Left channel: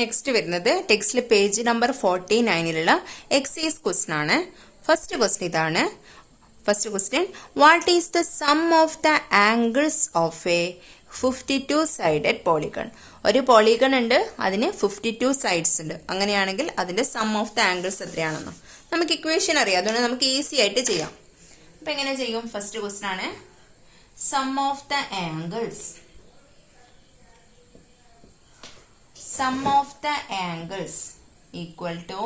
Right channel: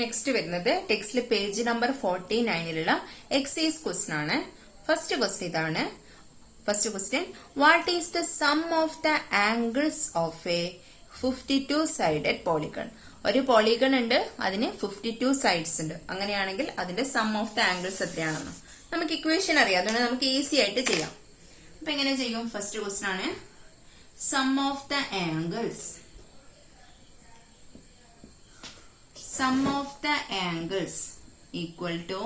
Next വരുന്നത് ടെക്സ്റ്റിൽ page number 49 excise question ആണ്. ഫസ്റ്റ് ക്വസ്റ്റ്യൻ ഇതാണ്. First question, what is the sum of the angles of A 52 sided polygon? ഒരു polygon ഉണ്ട്, അതിന് 52 സൈഡ്സ് ഉണ്ട്. അങ്ങനെയാണെങ്കിൽ അതിന്റെ സം ഓഫ് ദ ആംഗിൾസ് എത്രയാണെന്ന് നമുക്ക് ഇക്വേഷൻ അറിയാം. അതുകൊണ്ട് നമുക്ക് ഈസി ആയിട്ട് ചെയ്യാം. അപ്പൊ എങ്ങനെ ചെയ്യും? ഫസ്റ്റ് ക്വസ്റ്റ്യൻ ആണ് sum of the angles. Sum of the angles equal to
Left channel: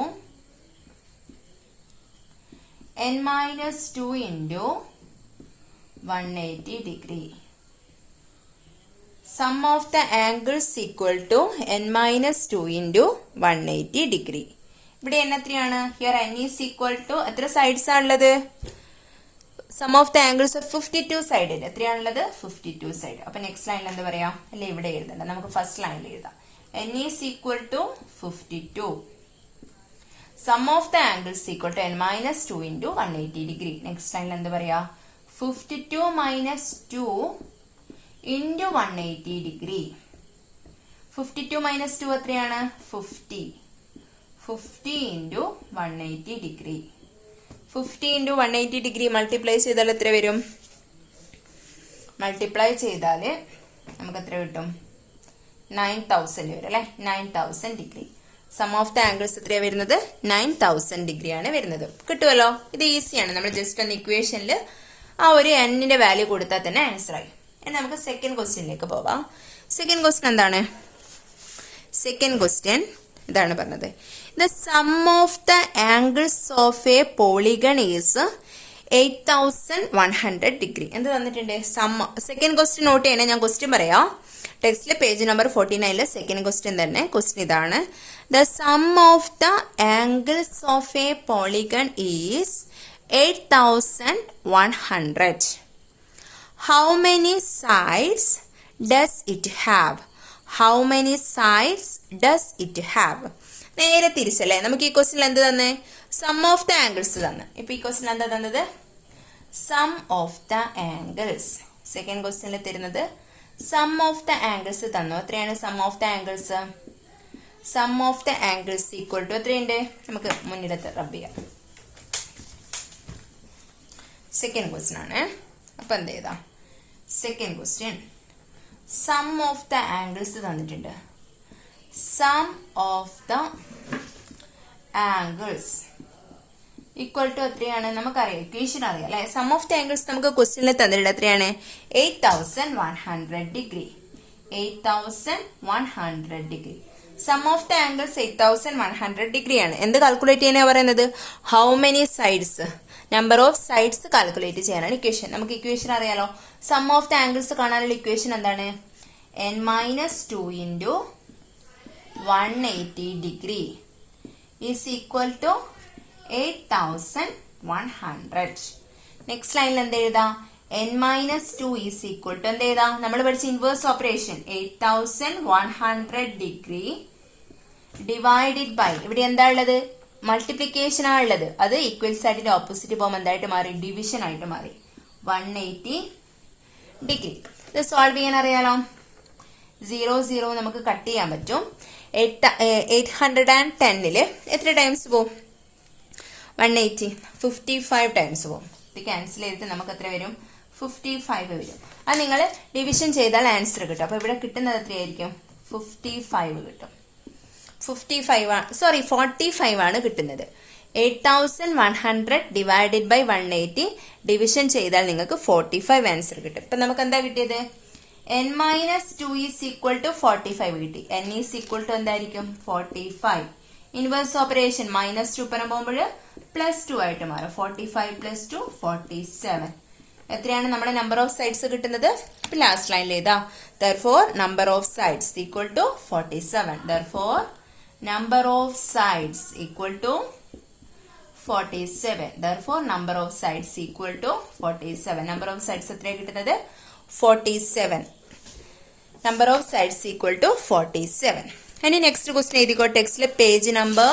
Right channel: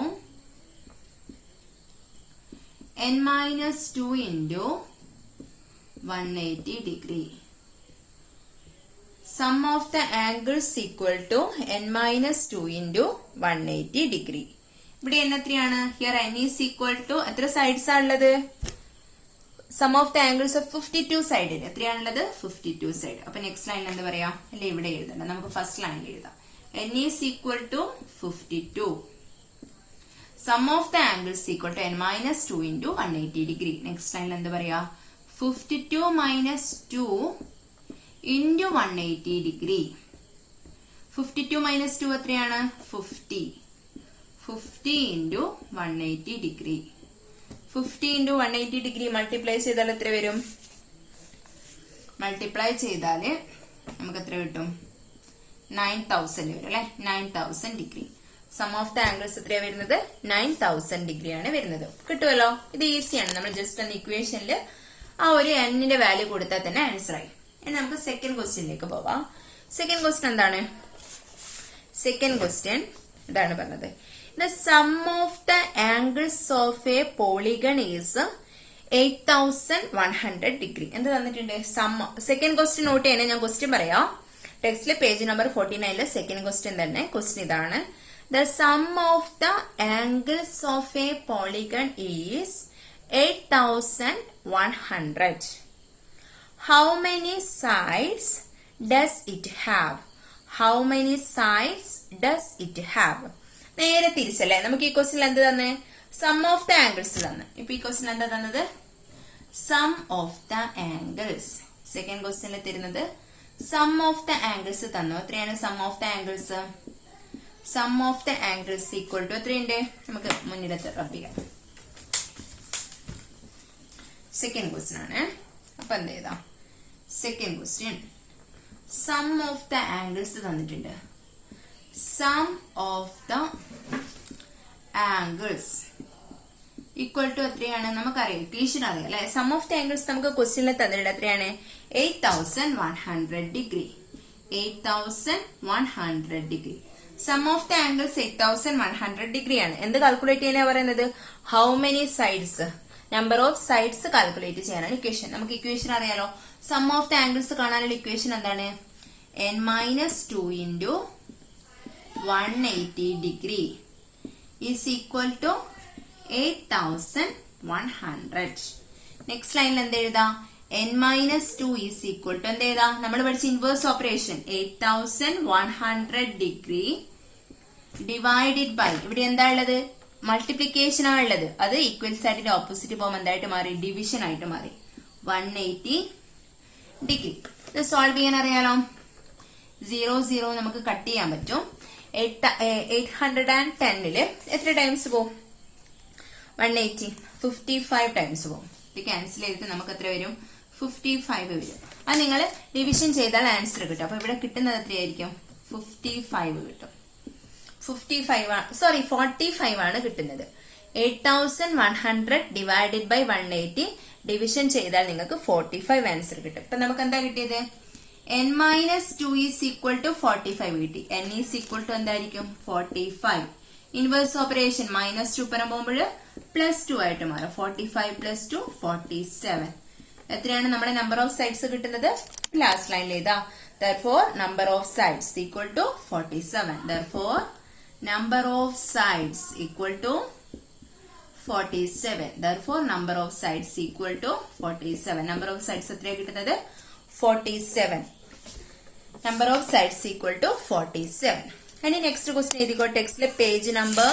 n minus 2 into 180 degree. Sum of the angles equal to n minus 2 into 180 degree. ഇവിടെ n എത്രയാണ്? Here n is equal to എത്ര sides ആണുള്ളത്? Sum of the angles of 52 സൈഡിൽ എത്രയാണുള്ളത്? 52 side. അപ്പൊ next ലൈനിൽ എന്ത് പറയാ? അല്ലെ ഇവിടെ എഴുതണ്ട, നമുക്ക് ഫസ്റ്റ് ലൈനിൽ എഴുതാം. n is equal to 52. Sum of the angles equal to n minus 2 into 180 degree. Next line എന്ത് പറയാ? 52 minus 2 into 180 degree. 52 minus 2 എത്രയാണ്? 50. 50 into 180 degree. 50 into 180 degree multiply ചെയ്താൽ എത്ര വരും? മൾട്ടിപ്ലൈ ചെയ്താൽ നമുക്ക് എത്ര കിട്ടും? 9000 വരും അല്ലെ? 9000 degree. Sum of the angles എത്രയാണ് വരുന്നത്? 9000 ഡിഗ്രി ആണ് വരുന്നത്. കിട്ടുമല്ലോ? ഇത് ഈസിയാണ്. നമ്മൾ ജസ്റ്റ് ഒന്ന് ഇക്വേഷനിൽ ആ ഒരു എന്നിന്റെ വാല്യൂ കൊടുത്താൽ തന്നെ ആൻസർ ആയി. ഇനി നമുക്ക് സെക്കൻഡ് ക്വസ്റ്റ്യനിലേക്ക് പോവാം. സെക്കൻഡ് ക്വസ്റ്റ്യൻ എന്താണ്? സെക്കൻഡ് ക്വസ്റ്റ്യൻ ഇതാണ് പറഞ്ഞത്. The sum of the angles of a polygon is 8100 degree. എന്ത് തന്നിട്ടുണ്ട്? സം. സെക്കൻഡ് ക്വസ്റ്റ്യൻ നോട്ട് ചെയ്യണേ, ഞാൻ ക്വസ്റ്റ്യൻ പറയാം. ടെക്സ്റ്റിലെ പേജ് നമ്പർ 49 സെക്കൻഡ് ക്വസ്റ്റ്യൻ തന്നെ. ക്വസ്റ്റ്യൻ ഇതാണ്. The sum of the angles of a polygon is 8100. How many sides does it have? How many sides does it have? നേരെ തിരിച്ചല്ലേ? നമുക്ക് ഈ question എന്ത് തന്നെ? സം ഓഫ് ദ ആംഗിൾസ് തന്നെ. ഇപ്പൊ ഈ ക്വസ്റ്റ്യൻ എന്താ തന്നത്? Sum of the angles. Second ക്വസ്റ്റ്യനിൽ തരുന്നത് സം ഓഫ് ദ ആംഗിൾസ് തന്നു. എത്രയാണ് sum of the angles? Sum of the angles equal to എത്രയുണ്ട്? നമുക്ക് മുന്നിലത്തെ റബ് ചെയ്യാം. സെക്കൻഡ് ക്വസ്റ്റ്യൻ ആണ്. അപ്പൊ എന്ത് ചെയ്താ? Second question sum of the angles തന്നിട്ടുണ്ട്. Sum of the angles equal to എത്രയാണ്? നമുക്കറിയാം, ഇക്വേഷൻ അറിയാം അല്ലെ? സം ഓഫ് ദ ആംഗിൾസ് നമുക്ക് ക്വസ്റ്റ്യനിൽ തന്നിട്ടുണ്ട്. എത്രയാണ്? 8100 degree. 8100 degree. Sum of the angles 8100 degree ആണ്. എന്ത് കാൽക്കുലേറ്റ് ചെയ്യാനാ പറയുന്നത്? How many sides, number of sides calculate ചെയ്യാനാണ് ഇക്വേഷൻ. നമുക്ക് ഇക്വേഷൻ അറിയാലോ. സം ഓഫ് ദ ആംഗിൾസ് കാണാനുള്ള ഇക്വേഷൻ എന്താണ്? n minus 2 into 180 degree is equal to 8100. Next ലൈനിൽ എന്ത് എഴുതാം? n minus 2 is equal to എന്ത് എഴുതാം? നമ്മൾ പഠിച്ച inverse operation 8100 degree divided by, ഇവിടെ എന്താ ഉള്ളത്? മൾട്ടിപ്ലിക്കേഷൻ ആണ് ഉള്ളത്. അത് ഈക്വൽ സൈഡിന്റെ ഓപ്പോസിറ്റ് പോകുമ്പോൾ എന്തായിട്ട് മാറി? ഡിവിഷൻ ആയിട്ട് മാറി. 180 ഡിഗ്രി. ഇത് സോൾവ് ചെയ്യാൻ അറിയാലോ. 0 നമുക്ക് കട്ട് ചെയ്യാൻ പറ്റും. 810 എത്ര ടൈംസ് പോകും? 180 55 ടൈംസ് പോകും. ഇത് ക്യാൻസൽ ചെയ്തിട്ട് നമുക്ക് എത്ര വരും? 55 വരും. അത് നിങ്ങൾ ഡിവിഷൻ ചെയ്താൽ ആൻസർ കിട്ടും. അപ്പൊ ഇവിടെ കിട്ടുന്നത് എത്രയായിരിക്കും? 55 കിട്ടും. 45 ആണ് കിട്ടുന്നത്. 8100 ഡിവൈഡഡ് ബൈ 180 ഡിവിഷൻ ചെയ്താൽ നിങ്ങൾക്ക് 45 ആൻസർ കിട്ടും. ഇപ്പൊ നമുക്ക് എന്താ കിട്ടിയത്? n minus 2 is equal to 45 കിട്ടി. n is equal to എന്തായിരിക്കും? 45. ഇൻവേഴ്സ് ഓപ്പറേഷൻ -2 പരം പോകുമ്പോൾ +2 ആയിട്ട് മാറും. 45 + 2 47. എത്രയാണ് നമ്മുടെ നമ്പർ ഓഫ് സൈഡ്സ് കിട്ടുന്നത്? ലാസ്റ്റ് ലൈനിൽ എഴുതാ. therefore number of sides equal to 47. therefore number of sides equal to 47. therefore number of sides equal to 47. number of sides എത്രയാണ് കിട്ടുന്നത്? 47. number of sides equal to 47. ഇനി നെക്സ്റ്റ് ക്വസ്റ്റ്യൻ എഴുതിക്കോ. ടെക്സ്റ്റിലെ page number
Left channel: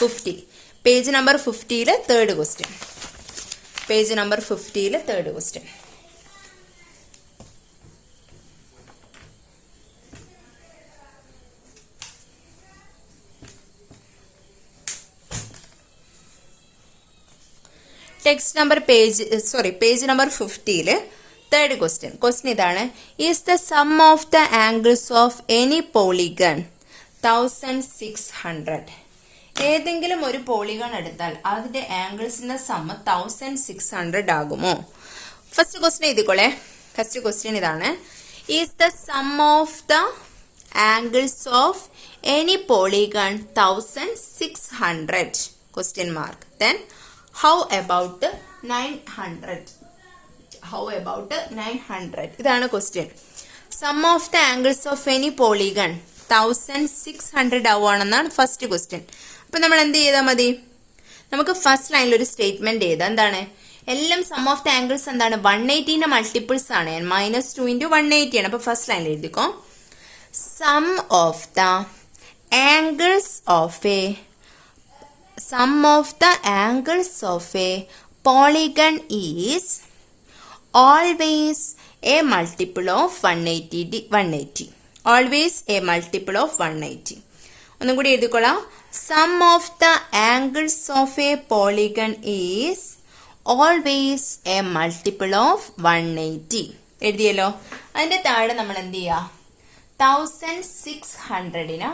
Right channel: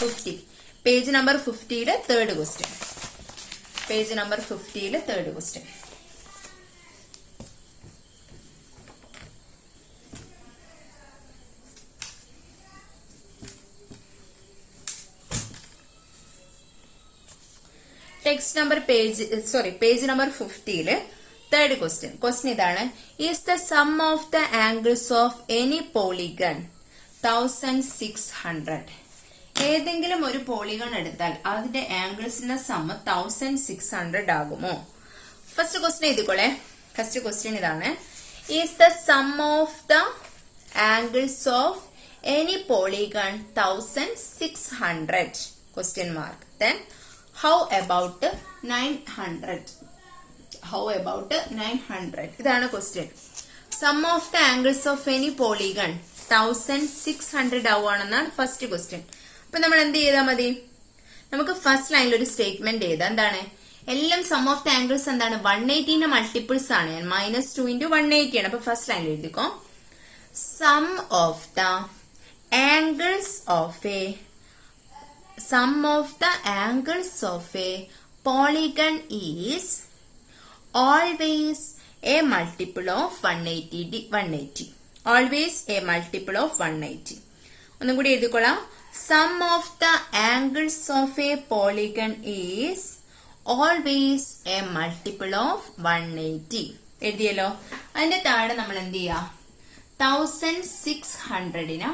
50. Page number 50 third question. Page number 50 third question. Text number page number 50 third question ഇതാണ്. Is the sum of the angles of any polygon 1600. ഏതെങ്കിലും ഒരു polygon എടുത്താൽ അതിന്റെ ആംഗിൾസിന്റെ sum 1600 ആകുമോ? First question എഴുതിക്കോളെ. First question ഇതാണ്. Is the sum of the angles of any polygon 1600? Question mark. Then how about 900? How about 900? ഇതാണ് question. Sum of the angles of any polygon 1600 ആവുകയാണെന്നാണ് first question. അപ്പൊ നമ്മൾ എന്ത് ചെയ്താൽ മതി? നമുക്ക് ഫസ്റ്റ് ലൈനിൽ ഒരു സ്റ്റേറ്റ്മെന്റ് ചെയ്താൽ എന്താണ്? എല്ലാം സം ഓഫ് ദ ആംഗിൾസ് എന്താണ്? 180ന്റെ മൾട്ടിപ്പിൾസ് ആണ്. -2 × 180 ആണ്. അപ്പൊ ഫസ്റ്റ് ലൈനിൽ എഴുതിക്കോ. Sum of the angles of a polygon is always a multiple of 180. Always a multiple of 180. ഒന്നും കൂടി എഴുതിക്കൊള്ളാം. Sum of the angles of a polygon is always a multiple of 180. എഴുതിയല്ലോ. അതിന്റെ താഴെ നമ്മൾ എന്ത് ചെയ്യാ? 1600നെ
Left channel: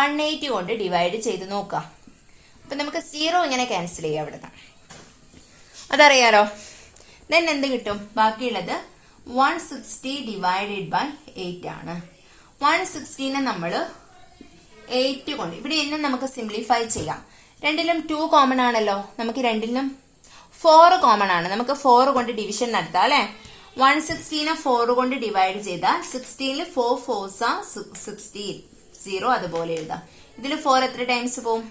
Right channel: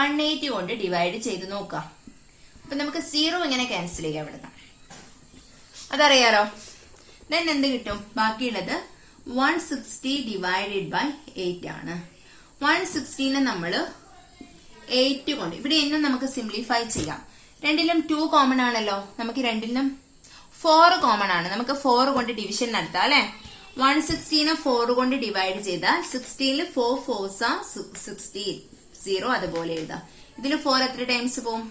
180 കൊണ്ട് ഡിവൈഡ് ചെയ്ത് നോക്കാം. അപ്പൊ നമുക്ക് 0 ഇങ്ങനെ ക്യാൻസൽ ചെയ്യാം അവിടുന്ന്. അതറിയാലോ. ദെൻ എന്ത് കിട്ടും? ബാക്കിയുള്ളത് 160 ഡിവൈഡഡ് ബൈ 8 ആണ്. 160നെ നമ്മൾ 8 കൊണ്ട് ഇവിടെ എന്നെ നമുക്ക് സിംപ്ലിഫൈ ചെയ്യാം. രണ്ടിലും 2 കോമൺ ആണല്ലോ. നമുക്ക് രണ്ടിലും 4 കോമൺ ആണ്. നമുക്ക് 4 കൊണ്ട് ഡിവിഷൻ നടത്താം അല്ലെ. 160നെ 4 കൊണ്ട് ഡിവൈഡ് ചെയ്താൽ 16ൽ 4 4s 16. 0 അതുപോലെ എഴുതാം. ഇതിൽ 4 എത്ര ടൈംസ് പോവും?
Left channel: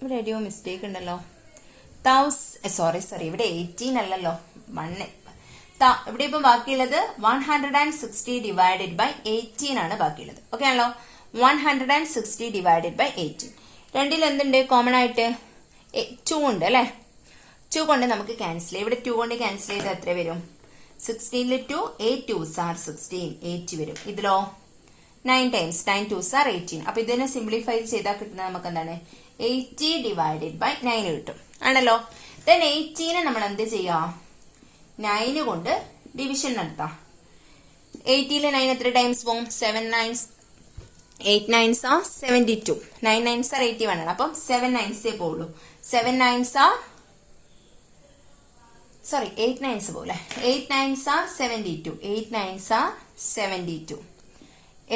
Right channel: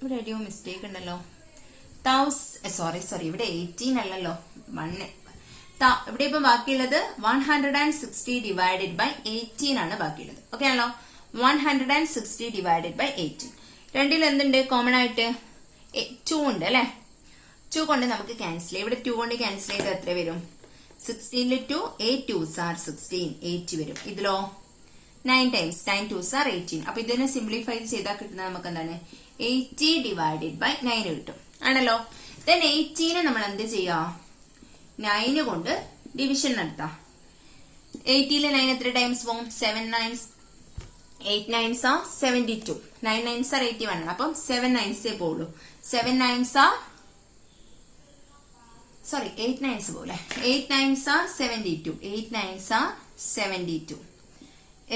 ഇവിടെ എവിടെയോ മിസ്റ്റേക്ക് ഉണ്ടല്ലോ. സോറി ഇവിടെ 18 അല്ലല്ലോ. ഇവിടെ ഇപ്പൊ ബാക്കിയുള്ളത് 160 ഡിവൈഡഡ് ബൈ 18 ആണ് ബാക്കിയുള്ളത്. ഓക്കെ ആണല്ലോ. 160 ഡിവൈഡഡ് ബൈ 18. രണ്ടിൽ എന്തുണ്ട് കോമൺ ആയിട്ട്? 2 ഉണ്ട് അല്ലെ. 2 കൊണ്ട് നമുക്ക് ക്യാൻസൽ ചെയ്യാം. ഇവിടെ 2 കൊണ്ട് ക്യാൻസൽ ചെയ്ത് എത്ര വരും? 16ൽ 2 8 2s 16 8 വരും. ഇതിലോ 9 ടൈംസ് 9 2s 18. അപ്പൊ ഇതിനെ സിംപ്ലിഫൈ ചെയ്താൽ കിട്ടുന്നത് നമുക്ക് എന്താണ്? 80 ഡിവൈഡഡ് ബൈ 9 കിട്ടും ആണല്ലോ. ദെൻ 80നെ നമ്മൾ എന്ത് ചെയ്യാം? 9 കൊണ്ട് ഡിവിഷൻ നടത്താം. 80ലെ 9 എത്ര ടൈംസ് പോകും? 7 9s 8 9s 72. 9 9s 81 ആണ്. അപ്പം 7 9s പോവുള്ളൂ. 7 9s 8 9s പോലെ 8 9s 72. 8 9s 72.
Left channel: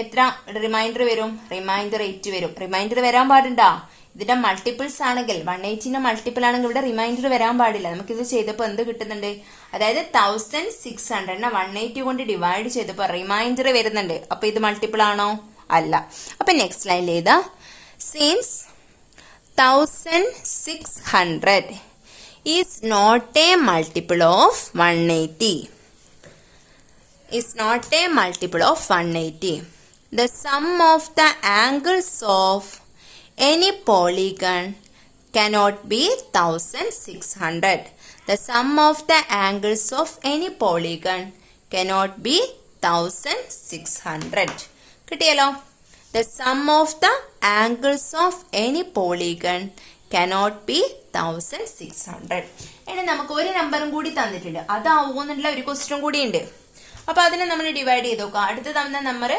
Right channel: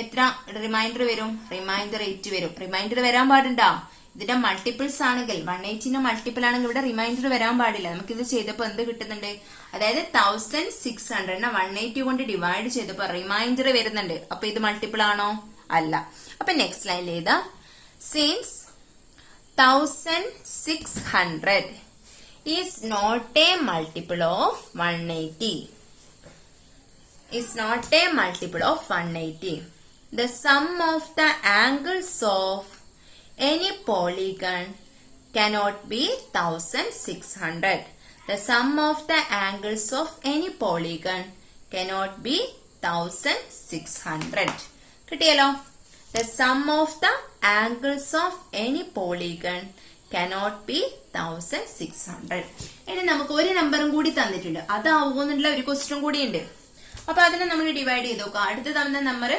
എത്ര റിമൈൻഡർ വരും? റിമൈൻഡർ 8 വരും. റിമൈൻഡർ വരാൻ പാടുണ്ടോ? ഇതിന്റെ മൾട്ടിപ്പിൾസ് ആണെങ്കിൽ 180ന്റെ മൾട്ടിപ്പിൾ ആണെങ്കിൽ ഇവിടെ റിമൈൻഡർ വരാൻ പാടില്ല. നമുക്ക് ഇത് ചെയ്തപ്പോ എന്ത് കിട്ടുന്നുണ്ട്? അതായത് 1600നെ 180 കൊണ്ട് ഡിവൈഡ് ചെയ്തപ്പോ റിമൈൻഡർ വരുന്നുണ്ട്. അപ്പൊ ഇത് മൾട്ടിപ്പിൾ ആണോ? അല്ല. അപ്പൊ നെക്സ്റ്റ് ലൈനിൽ ഏതാ? Since 1600 is not a multiple of 180. Is not a multiple of 180. The sum of the angles of any polygon cannot be 1600. The sum of the angles of any polygon cannot be 1600. കിട്ടിയല്ലോ. The sum of the angles of any polygon cannot be 1600. ഇനി നമുക്ക് ഒരു നമ്പറും കൂടി തന്നിട്ടുണ്ട്. അതാവുമെന്നുള്ള ഒരു question കൂടി ഉണ്ട്. അപ്പൊ അതിനെ നമ്മൾ ഡിവൈഡ് ചെയ്ത് നോക്കാം. അടുത്ത തന്ന നമ്പർ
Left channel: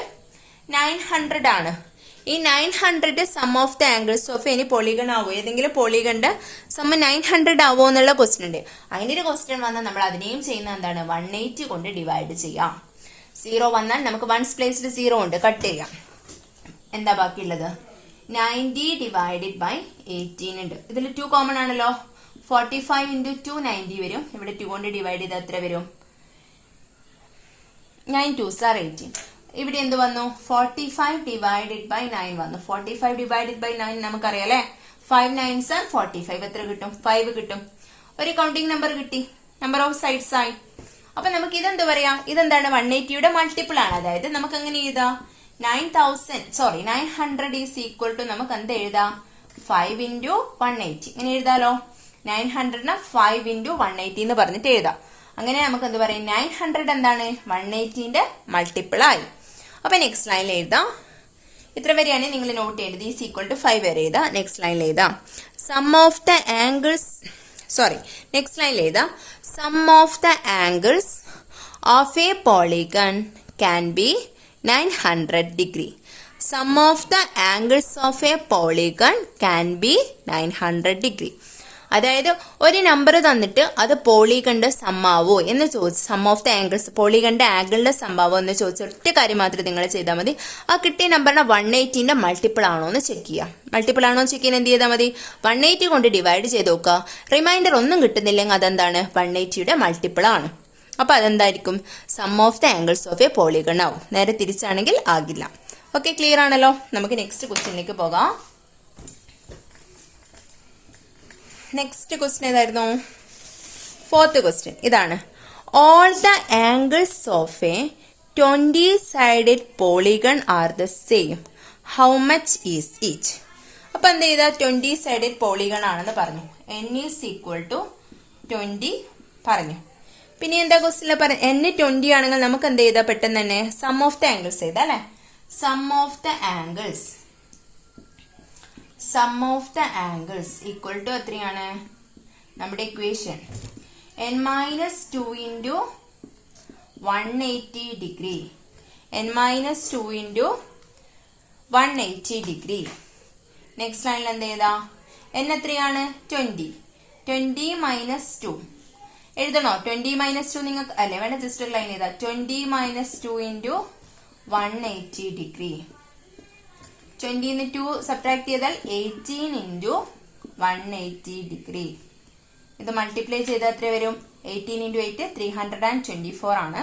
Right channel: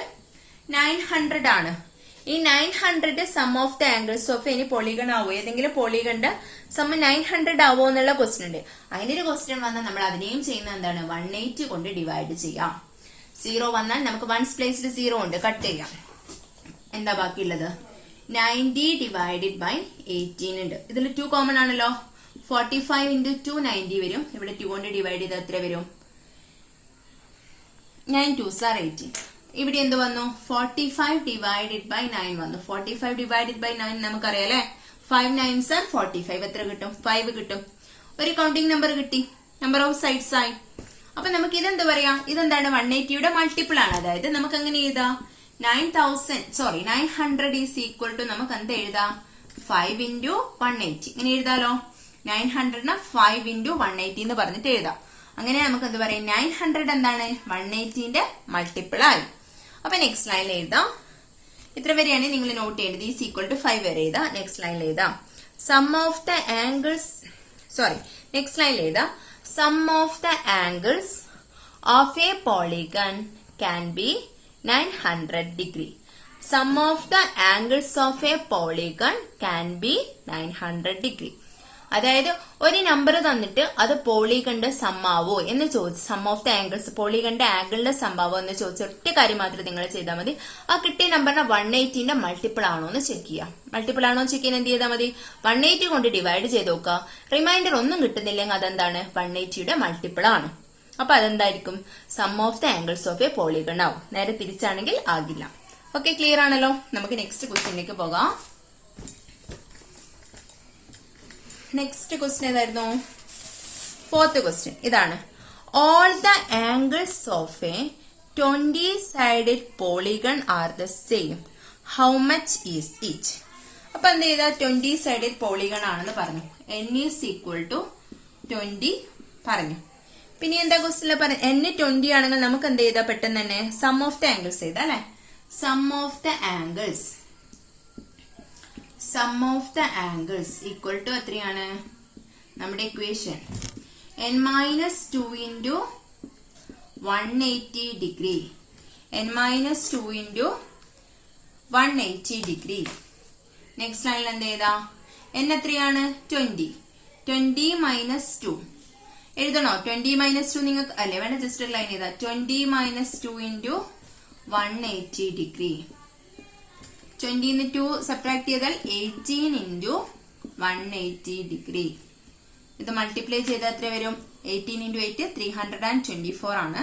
900 ആണ്. ഈ 900 sum of the angles of any polygon ആവോ? ഏതെങ്കിലും പോളിഗണിന്റെ സം 900 ആവോ എന്നുള്ള ക്വസ്റ്റ്യൻ ഉണ്ട്. അതിനൊരു ക്വസ്റ്റ്യൻ വന്നാൽ നമ്മൾ അതിനെയും ചെയ്യുന്ന എന്താണ്? 180 കൊണ്ട് ഡിവൈഡ് ചെയ്യാം. 0 വന്നാൽ നമുക്ക് 1s പ്ലേസിൽ 0 ഉണ്ട്. കട്ട് ചെയ്യാം. എന്താ ബാക്കിയുള്ളത്? 90 ഡിവൈഡഡ് ബൈ 18 ഉണ്ട്. ഇതിൽ 2 കോമൺ ആണല്ലോ. 45 × 2 90 വരും. ഇവിടെ 2 കൊണ്ട് ഡിവൈഡ് ചെയ്ത് എത്ര വരും? 9 2s 18. ഇവിടെ എന്ത് വന്നു? 45 ഡിവൈഡഡ് ബൈ 9 വന്നു. 45 ഡിവൈഡഡ് ബൈ 9 നമുക്കറിയാം അല്ലെ. 5 9s 45. എത്ര കിട്ടും? 5 കിട്ടും. ഒരു കൗണ്ടിങ് നമ്പർ കിട്ടി. നമ്പർ ഓഫ് സൈഡ്സ് ആയി. അപ്പൊ നമുക്ക് ഇതെന്ത് പറയാം? ഇതെന്താണ്? 180യുടെ മൾട്ടിപ്പിൾ ആണ്. അതായത് നമുക്ക് എങ്ങനെ എഴുതാം? 900 ഈസ് ഈക്വൽ ടു നമുക്ക് എന്ത് എഴുതാം? 5 × 180. ഇങ്ങനെ എഴുതാലോ. 900നെ 5 × 180 എന്ന് പറഞ്ഞിട്ട് എഴുതാം. അങ്ങനെ നമുക്ക് എന്ത് പറയും? 900 എന്താണ്? 180ന്റെ മൾട്ടിപ്പിൾ ആയി. അപ്പൊ നെക്സ്റ്റ് ലൈനിൽ എഴുതാം. ഇത്ര വരെയാണ് നിങ്ങൾ നോട്ട് ചെയ്യേണ്ടത്. ഈസ് ഈക്വൽ ടു 5 വരെ എഴുതാം. നെക്സ്റ്റ് ലൈനിൽ എഴുതാം sum of the angles next ലൈനിൽ എഴുതാം sum of the angles of a polygon can be 900 degree. Sum of the angles of a polygon can be 900 degree. അതായത് ഒരു നമ്പർ തന്നിട്ട് അത് പോളിഗണിന്റെ സമ്മാവോ എന്ന് ചോദിച്ചു, സം ഓഫ് ദ ആംഗിൾസ് പോളിഗണിന്റെ ആംഗിളിന്റെ സമ്മാവോ എന്ന് ചോദിച്ച ഒറ്റ കാര്യം മാത്രം നിങ്ങൾ ചെയ്താൽ മതി. ആ കിട്ടിയ നമ്പറിനെ 180ന്റെ മൾട്ടിപ്പിൾ ആണോ എന്ന് ചെക്ക് ചെയ്യുക. മൾട്ടിപ്പിൾ ആണോ ചെക്ക് ചെയ്യാൻ എന്ത് ചെയ്താൽ മതി, 180 കൊണ്ട് ഡിവൈഡ് ചെയ്ത് നോക്കുക. റിമൈൻഡർ ഒന്നും കിട്ടുന്നില്ലെങ്കിൽ അതെന്താണ്, 180യുടെ മൾട്ടിപ്പിൾ ആണ്. അപ്പൊ അതെന്തായിരിക്കും, sum of the angles of a polygon ആവും. നേരെ തിരിച്ചാണെങ്കിൽ ആകില്ല. ഓക്കെ, ക്ലിയർ ആണല്ലോ. നമുക്ക് നെക്സ്റ്റ് ക്വസ്റ്റ്യനിലേക്ക് പോകാം. നെക്സ്റ്റ് ക്വസ്റ്റ്യൻ ഏതായിരുന്നു, 4th ക്വസ്റ്റ്യൻ ഇതാണ്. All the angles of a 20-sided polygon are the same, how much is each. അപ്പൊ എന്ത് ചെയ്താ, 20-sided പോളിഗൺ ആണെന്ന് പറഞ്ഞു. n ഈസ് ഈക്വൽ ടു 20 പറഞ്ഞു. പിന്നെ എന്താ ക്വസ്റ്റ്യനിൽ പറഞ്ഞു, n 20 ആണെങ്കിൽ നമുക്ക് എന്ത് ചെയ്താ പെട്ടെന്ന് തന്നെ സം ഓഫ് ദ ആംഗിൾസ് ചെയ്താ അല്ലെ. Sum of the angles equal to എത്രയാണ് നമ്മുടെ equation, n-2 into 180 degree, n-2 into 180 degree. Next ലൈനിൽ എന്ത് ചെയ്താ, n എത്രയാണ് 20, 20 minus 2 എഴുതണോ, 20 minus 2 നിങ്ങൾക്ക് അല്ലെ വേണ്ട, ജസ്റ്റ് ഒരു ലൈൻ ചെയ്താ 20 minus 2 into 180 degree. 20 ന്ന് 2 സബ്ട്രാക്ട് ചെയ്താൽ 18 into 180 degree. ഇത് മൾട്ടിപ്ലൈ ചെയ്താൽ എത്ര വരും, 18 into 8 324 ആണ്,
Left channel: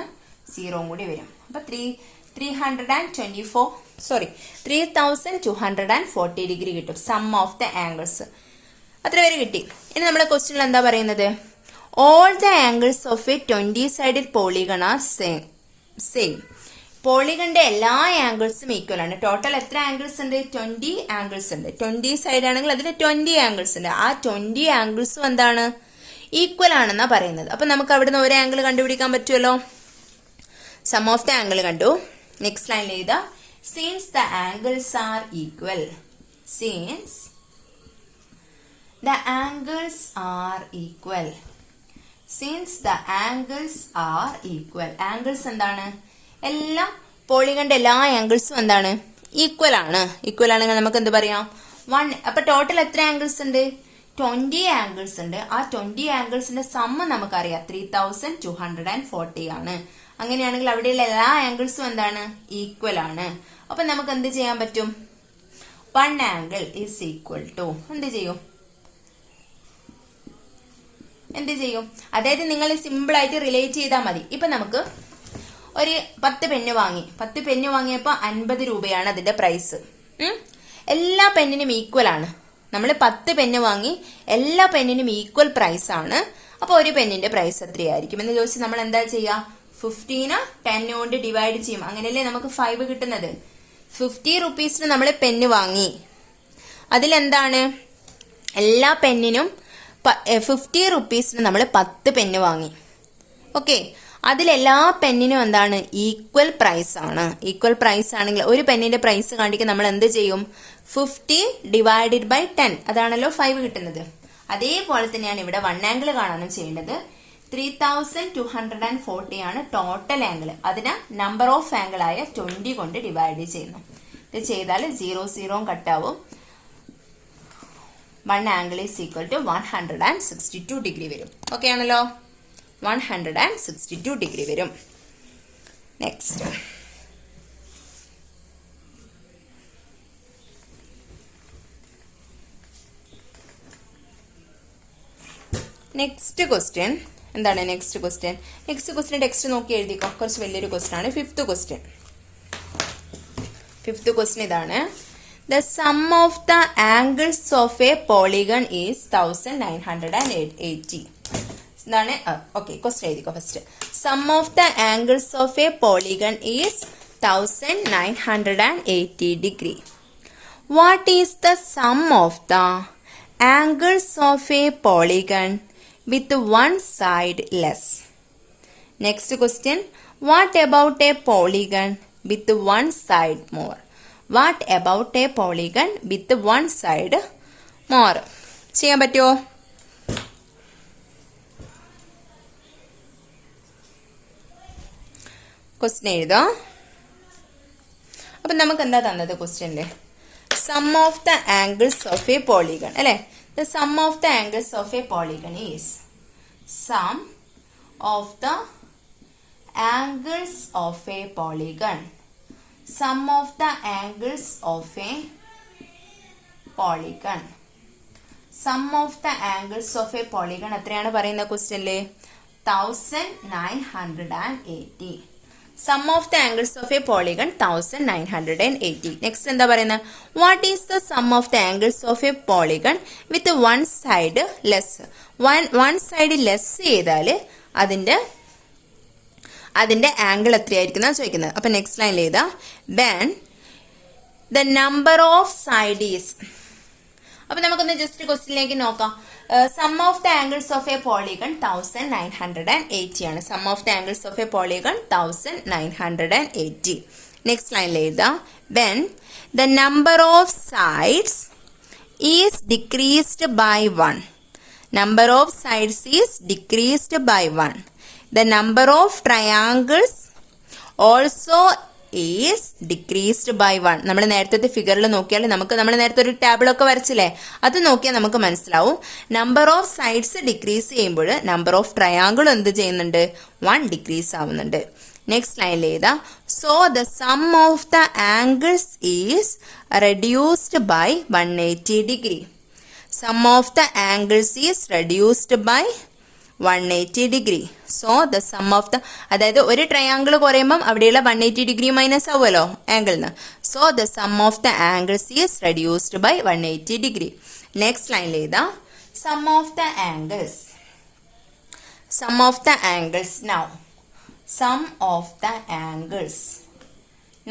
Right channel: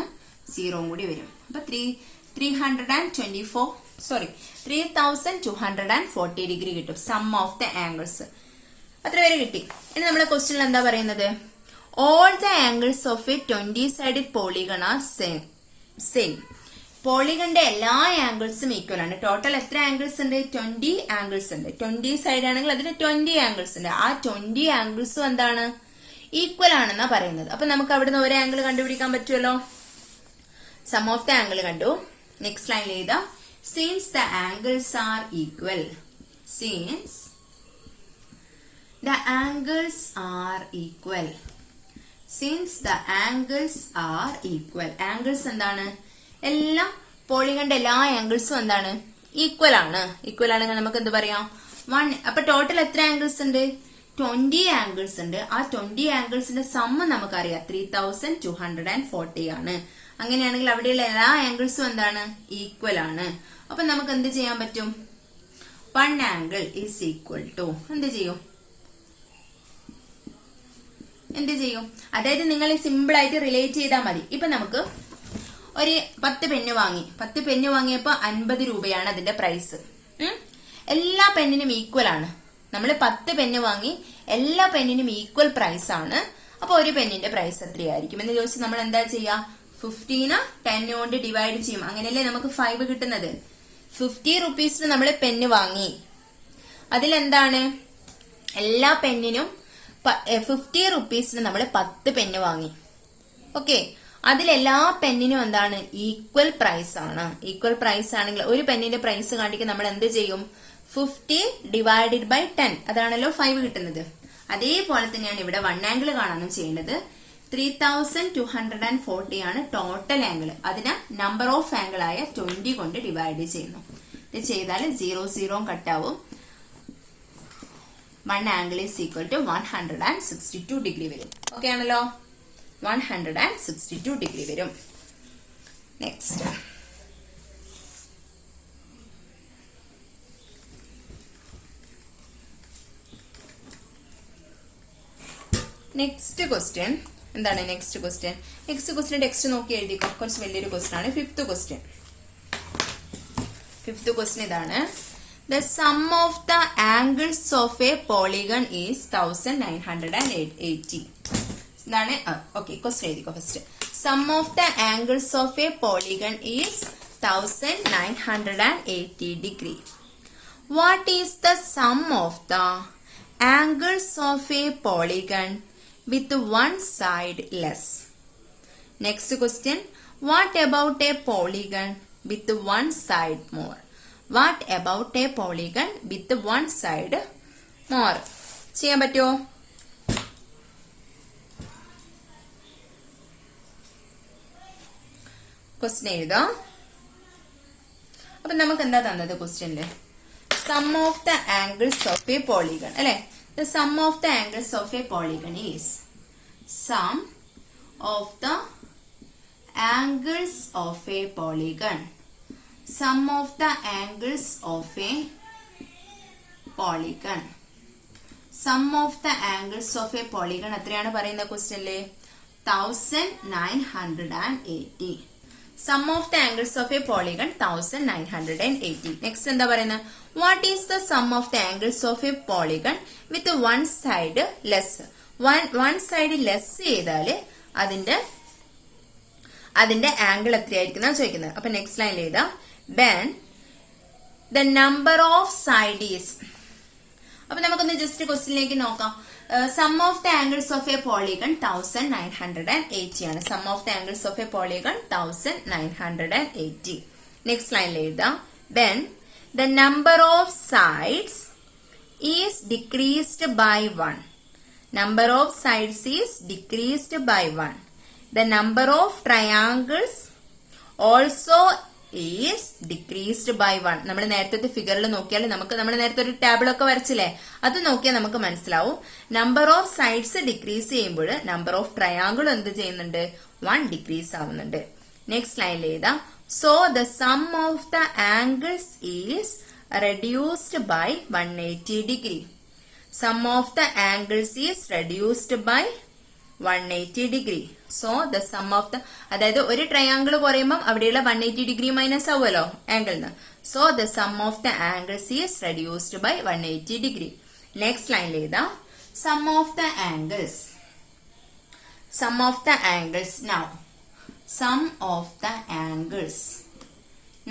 0 കൂടി വരും. അപ്പൊ 3240 ഡിഗ്രി കിട്ടും സം ഓഫ് ദ ആംഗിൾസ്. അത്ര വരെ കിട്ടി. ഇനി നമ്മുടെ ക്വസ്റ്റ്യനിൽ എന്താ പറയുന്നത്, all the angles of a 20-sided polygon are same. പോളിഗണിന്റെ എല്ലാ ആംഗിൾസും ഈക്വൽ ആണ്. ടോട്ടൽ എത്ര ആംഗിൾസ് ഉണ്ട്, 20 ആംഗിൾസ് ഉണ്ട്. 20 സൈഡ് ആണെങ്കിൽ അതിന് 20 ആംഗിൾസ് ഉണ്ട്. ആ 20 ആംഗിൾസും എന്താണ്, ഈക്വൽ ആണെന്നാ പറയുന്നത്. അപ്പൊ നമുക്ക് അവിടുന്ന് ഒരു ആംഗിൾ കണ്ടുപിടിക്കാൻ പറ്റുമല്ലോ. സം ഓഫ് ദ ആംഗിൾ കണ്ടു. നെക്സ്റ്റ് ലൈനിൽ എഴുതാ since the angles are equal, since the angles are equal, since the angles are equal. Angles എന്താണ്, എല്ലാ പോളിഗണിന്റെ എല്ലാ ആംഗിൾസും എന്താണ്, ഈക്വൽ ആണ്. ഈക്വൽ ആണെങ്കിൽ നമുക്ക് എന്ത് പറയാം, 1. അപ്പൊ ടോട്ടൽ എത്ര ആംഗിൾസ് ഉണ്ട്, 20 ആംഗിൾസ് ഉണ്ട്. ആ 20 ആംഗിൾസിന്റെ സമ്മ് നമുക്കറിയാം 3240 ആണ്. അങ്ങനെയാണെങ്കിൽ അവിടെയുള്ള എല്ലാ ആംഗിൾസും എന്താണ്, ഈക്വൽ ആണ്. അപ്പൊ നമുക്ക് എന്ത് ചെയ്യാൻ പറ്റും, 1 ആംഗിൾ ഈസ് ഈക്വൽ ടു എന്ത് ചെയ്യും, അതായത് നിങ്ങൾ സിമ്പിൾ ആയിട്ട് റിലേറ്റ് ചെയ്താൽ മതി. ഇപ്പൊ നമുക്ക് ഒരു 10 പെന്ന് വാങ്ങി, 10 പെന്ന് വാങ്ങിയപ്പോ 50 രൂപയാണ് അതിന്റെ പ്രൈസ്. എല്ലാ പെന്നിനും ഈക്വൽ ആണ്. നമ്മൾ 10 പെന്ന് വാങ്ങി, എല്ലാ പെന്നിനും ഈക്വൽ പ്രൈസ് ആണ്. അപ്പൊ ഒരു പെന്നിന്റെ പ്രൈസ് എത്രയായിരിക്കും എന്ന് ചോദിച്ചാൽ നമ്മൾ എന്താ ചെയ്യാ, 15 10 കൊണ്ട് ഡിവൈഡ് ചെയ്യും. അങ്ങനെയല്ലേ നമുക്ക് 5 കിട്ടുന്നത്. 50 റുപ്പീസിന് നമ്മൾ പെന്ന് വാങ്ങി, അതിലെന്താണ് എല്ലാ പെന്നിനും 50 റുപ്പീസിന് നമ്മൾ 10 പെന്ന് വാങ്ങി. ഓക്കെ, അതിലെല്ലാ പെന്നിനും എന്താണ്, ഈക്വൽ പ്രൈസ് ആണ്. ഈക്വൽ പ്രൈസ് ആണെങ്കിൽ ഒരു പെന്നിന്റെ പ്രൈസ് കാണിക്കാൻ നമ്മൾ എന്ത് ചെയ്യും, 50 ഡിവൈഡഡ് ബൈ 10, അതാണല്ലോ 5 കിട്ടുന്നത്. അതേപോലെ തന്നെയാണ് ഇവിടെ 1 ആംഗിൾ കാണാനും ചെയ്യുന്നത്. 3240 ആണ് ടോട്ടൽ ആംഗിൾ. അതിന് നമ്പർ ഓഫ് ആംഗിൾ ആയ 20 കൊണ്ട് ഡിവൈഡ് ചെയ്യുന്നു. ഇത് ചെയ്താൽ 0 കട്ടാവും. 1 angle is equal to 162 degree വരും. ഓക്കെ ആണല്ലോ, 162 ഡിഗ്രി വരും. നെക്സ്റ്റ് ക്വസ്റ്റ്യൻ എന്താണ്, നെക്സ്റ്റ് ക്വസ്റ്റ്യൻ ടെക്സ്റ്റ് നോക്കി എഴുതിക്കോ. കുറച്ച് വലിയൊരു ക്വസ്റ്റ്യൻ ആണ്. 5th ക്വസ്റ്റ്യൻ ഇതാണ്. The sum of the angles of a polygon is 1980. ഇതാണ്. ഓക്കെ, ക്വസ്റ്റ്യൻ എഴുതിക്കോ first. Sum of the angles of a polygon is 1980 degree. What is the sum of the angles of a polygon with one side less? Next question, what about a polygon with one side more? What about a polygon with one side more? ചെയ്യാൻ പറ്റുമോ? Question എഴുതാം. അപ്പൊ നമുക്ക് എന്താ തന്നത് ക്വസ്റ്റ്യനില്? Sum of the angles of a polygon അല്ലെ? The sum of the angles of a polygon is sum of the angles of a polygon. Sum of the angles of a polygon. Sum of the angles of a polygon എത്രയാണ് പറയുന്ന ക്വസ്റ്റ്യനില്? 1980. Sum of the angles of a polygon 1980. Next എന്താ പറയുന്നത്? What is the sum of the angles of a polygon with one side less? One side less ചെയ്താല് അതിന്റെ angle എത്രയായിരിക്കും ചോദിക്കുന്നത്. അപ്പൊ next ലൈനിൽ എഴുതാ when the number of side is. അപ്പൊ നമുക്കൊന്ന് ജസ്റ്റ് ക്വസ്റ്റ്യനിലേക്ക് നോക്കാം. Sum of the angles of a polygon 1980 ആണ്. Sum of the angles of a polygon 1980. Next ലൈനിൽ എഴുതാ when the number of sides is decreased by 1. Number of sides is decreased by 1. The number of triangles also is decreased by 1. നമ്മൾ നേരത്തെ ഫിഗറിൽ നോക്കിയാൽ നമ്മൾ നേരത്തെ ഒരു ടേബിളൊക്കെ വരച്ചില്ലേ, അത് നോക്കിയാൽ നമുക്ക് മനസ്സിലാവും. നമ്പർ ഓഫ് സൈഡ്സ് ഡിക്രീസ് ചെയ്യുമ്പോൾ നമ്പർ ഓഫ് ട്രയാങ്കിൾ എന്ത് ചെയ്യുന്നുണ്ട്? 1 ഡിക്രീസ് ആവുന്നുണ്ട്. നെക്സ്റ്റ് ലൈനിൽ എഴുതാ so the sum of the angles is reduced by 180 degree. Sum of the angles is reduced by 180 degree. So the sum of the, അതായത് ഒരു triangle കുറയുമ്പം അവിടെയുള്ള 180 ഡിഗ്രി മൈനസ് ആവുമല്ലോ ആംഗിളിന്. So the sum of the angles is reduced by 180 degree. Next ലൈനിൽ എഴുതാ some of the angles. Sum of the angles now. Sum of the angles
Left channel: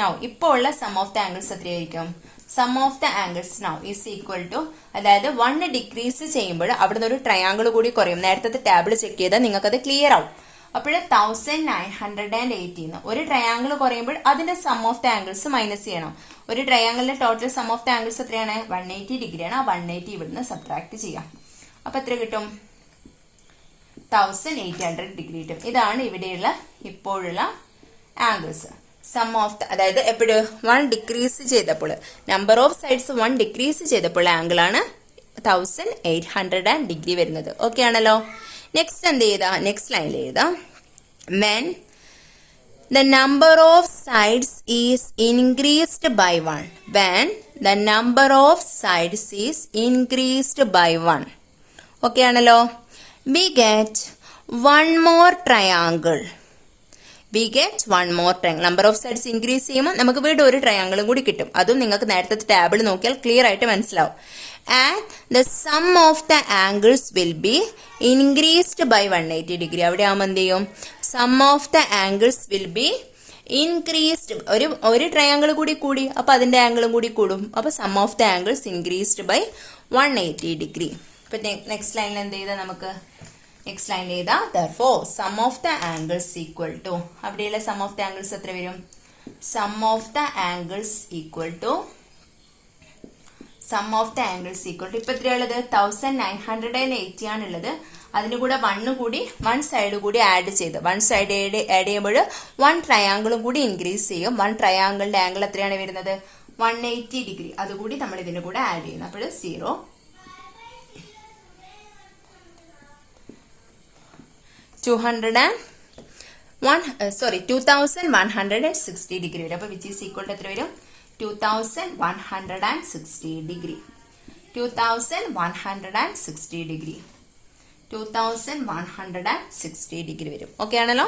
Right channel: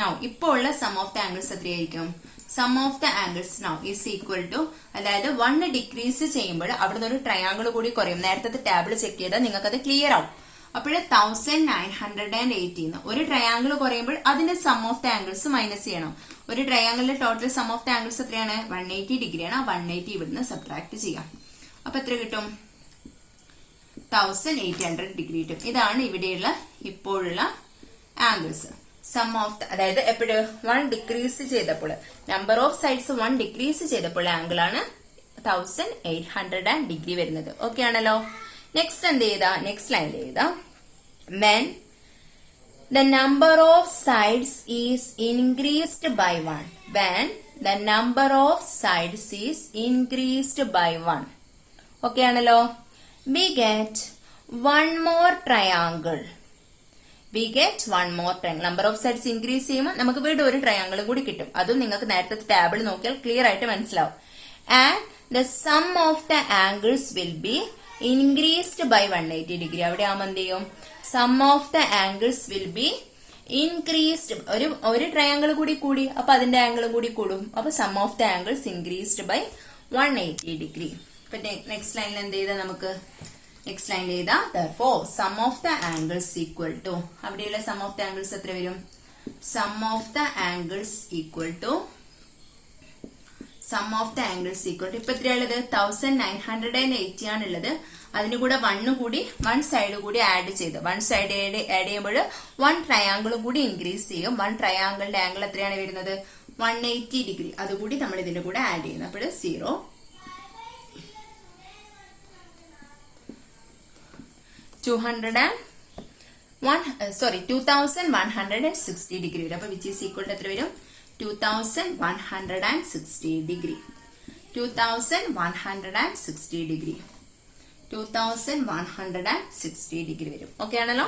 now. ഇപ്പോൾ ഉള്ള സം ഓഫ് ദ ആംഗിൾസ് എത്രയായിരിക്കും? Sum of the angles now is equal to, അതായത് 1 decrease ചെയ്യുമ്പോൾ അവിടുന്ന് ഒരു triangle കൂടി കുറയും. നേരത്തെ ടേബിൾ ചെക്ക് ചെയ്താൽ നിങ്ങൾക്ക് അത് ക്ലിയർ ആവും. അപ്പോൾ 1980 ഒരു ട്രയാങ്കിൾ കുറയുമ്പോൾ അതിന്റെ sum of the angles minus ചെയ്യണം. ഒരു ട്രയാങ്കിളിന്റെ total sum of the angles എത്രയാണ്? 180 ഡിഗ്രിയാണ്. ആ 180 ഇവിടുന്ന് സബ്ട്രാക്ട് ചെയ്യാം. അപ്പൊ എത്ര കിട്ടും? 1800 ഡിഗ്രി കിട്ടും. ഇതാണ് ഇവിടെയുള്ള ഇപ്പോഴുള്ള ആംഗിൾസ്. സം ഓഫ് ദ, അതായത് എപ്പോഴും 1 ഡിക്രീസ് ചെയ്തപ്പോൾ, നമ്പർ ഓഫ് സൈഡ്സ് 1 ഡിക്രീസ് ചെയ്തപ്പോൾ ആംഗിൾ ആണ് 1800 ഡിഗ്രി വരുന്നത്. ഓക്കെ ആണല്ലോ. നെക്സ്റ്റ് എന്ത് ചെയ്താ? നെക്സ്റ്റ് ലൈനിൽ എഴുതാ when the number of sides is increased by 1. When the number of sides is increased by 1. Okay ആണല്ലോ. we get one more triangle. We get one more triangle. Number of sides increase ചെയ്യുമ്പോൾ നമുക്ക് വീണ്ടും ഒരു ട്രയാങ്കിളും കൂടി കിട്ടും. അതും നിങ്ങൾക്ക് നേരത്തെ ടേബിൾ നോക്കിയാൽ ക്ലിയർ ആയിട്ട് മനസ്സിലാവും. And the sum of the angles will be increased by 180 degree. അവിടെ ആവുമ്പോൾ എന്ത് ചെയ്യും? Sum of the angles will be increased. ഒരു ട്രയാങ്കിൾ കൂടി അപ്പൊ അതിന്റെ ആംഗിളും കൂടി കൂടും. അപ്പൊ sum of the angles increased by 180 degree. അപ്പൊ നെക്സ്റ്റ് ലൈനിൽ എന്ത് ചെയ്താൽ നമുക്ക്? നെക്സ്റ്റ് ലൈൻ ചെയ്താ therefore sum of the angles equal to, അവിടെയുള്ള sum of the angles എത്ര വരും? sum of the angles equal to ഇപ്പൊ എത്രയുള്ളത്? 1980 ആണുള്ളത്. അതിന് കൂടെ 1 സൈഡ് കൂടി ആഡ് ചെയ്ത് 1 സൈഡ് ആഡ് ചെയ്യുമ്പോൾ 1 ട്രയാങ്കിളും കൂടി ഇൻക്രീസ് ചെയ്യും. 1 ട്രയാങ്കിളിന്റെ ആംഗിൾ എത്രയാണ് വരുന്നത്? 180 ഡിഗ്രി. അതുകൂടി നമ്മൾ ഇതിന്റെ കൂടെ ആഡ് ചെയ്യുന്നു. അപ്പോൾ 2160 ഡിഗ്രി വരും. അപ്പൊ വിച്ച് ഈസ് ഈക്വൽ ടു എത്ര വരും? 2160 ഡിഗ്രി. 2160 ഡിഗ്രി. 2160 ഡിഗ്രി വരും. ഓക്കെ ആണല്ലോ.